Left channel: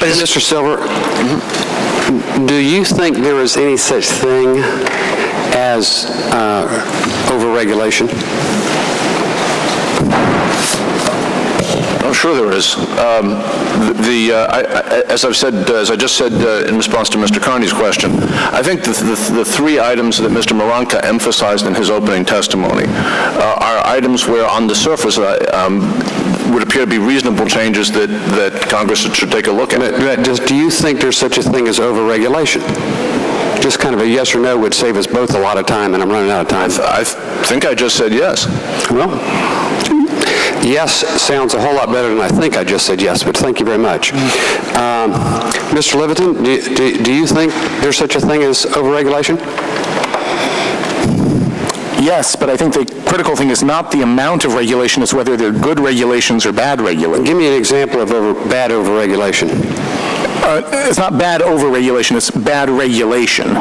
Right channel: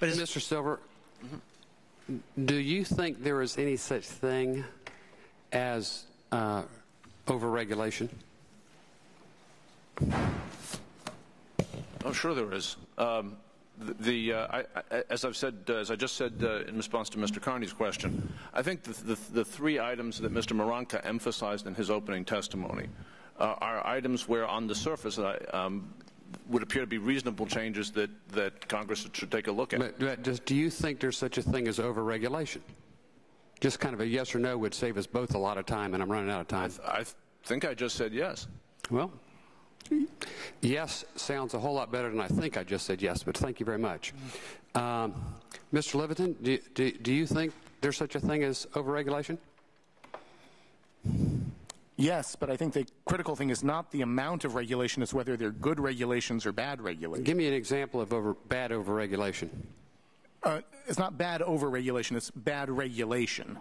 But Mr. Silver, do you think there is any such thing as overregulation? I'm sure there is. As I just said in response to Mr. Carney's question, I think the three items that Mr. Maranka emphasized in his opening testimony are items where, on the surface, would appear to be reasonable changes that Congress should take a look at. Do you think there's such a thing as overregulation? Just kind of a yes or no would save us both a lot of time, and I'm running out of time. I think I just said yes. Well, yes sounds a whole lot better than I think I just said yes, but thank you very much. Mr. Livingston, do you think there's such a thing as overregulation? Yes, but I think the critical thing is not the amount of regulation, it's whether they're good regulations or bad regulations. Give me an example of bad overregulation. It's not bad overregulation, it's bad regulation.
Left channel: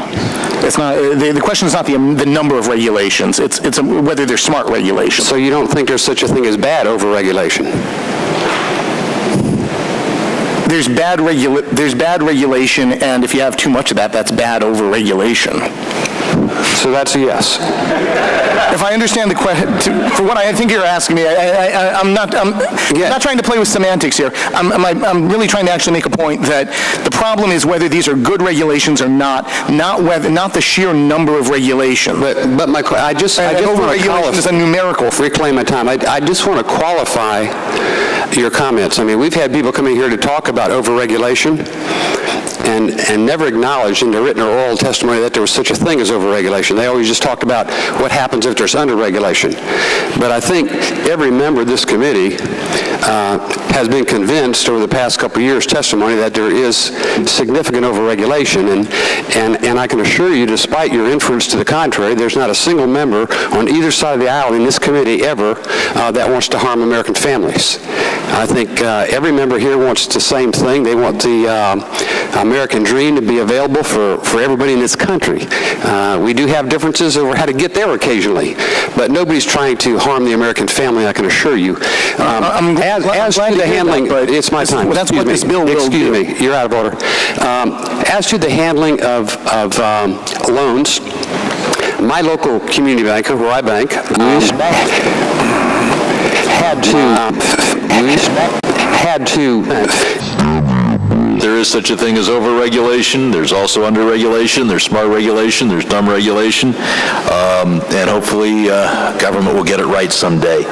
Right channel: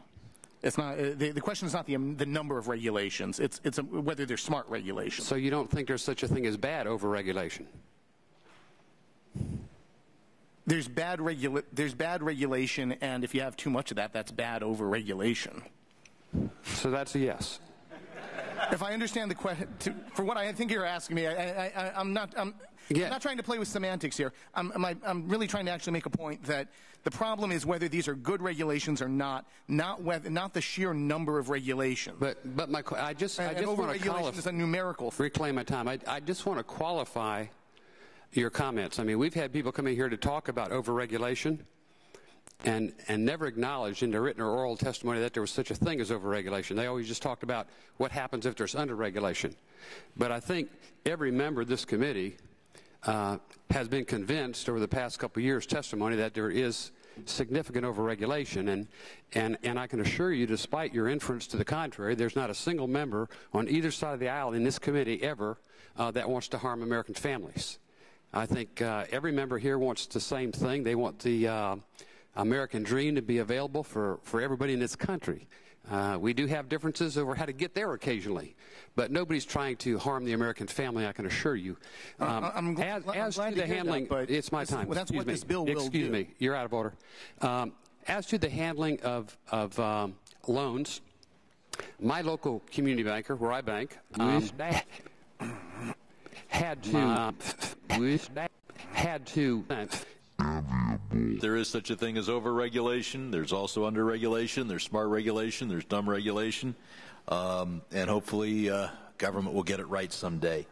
It's not, the question is not the number of regulations, it's whether they're smart regulations. So you don't think there's such a thing as bad overregulation? There's bad regulation, and if you have too much of that, that's bad overregulation. So that's a yes. If I understand the question, for what I think you're asking me, I'm not trying to play with semantics here. I'm really trying to actually make a point that the problem is whether these are good regulations or not the sheer number of regulations. But I just want to overregulation is a numerical. Reclaim my time. I just want to qualify your comments. I mean, we've had people coming here to talk about overregulation and never acknowledged in their written or oral testimony that there was such a thing as overregulation. They always just talked about what happens if there's underregulation. But I think every member of this committee has been convinced over the past couple of years' testimony that there is significant overregulation. And I can assure you, despite your inference to the contrary, there's not a single member on either side of the aisle in this committee ever that wants to harm American families. I think every member here wants the same thing. They want the American dream to be available for everybody in this country. We do have differences over how to get there occasionally, but nobody's trying to harm the American family, I can assure you. As to the handling, it's my time. That's what this bill will do. Excuse me, you're out of order. As to the handling of loans, my local community banker, where I bank, had to There is such a thing as overregulation. There's also underregulation. There's smart regulation. There's dumb regulation. And hopefully government will get it right someday.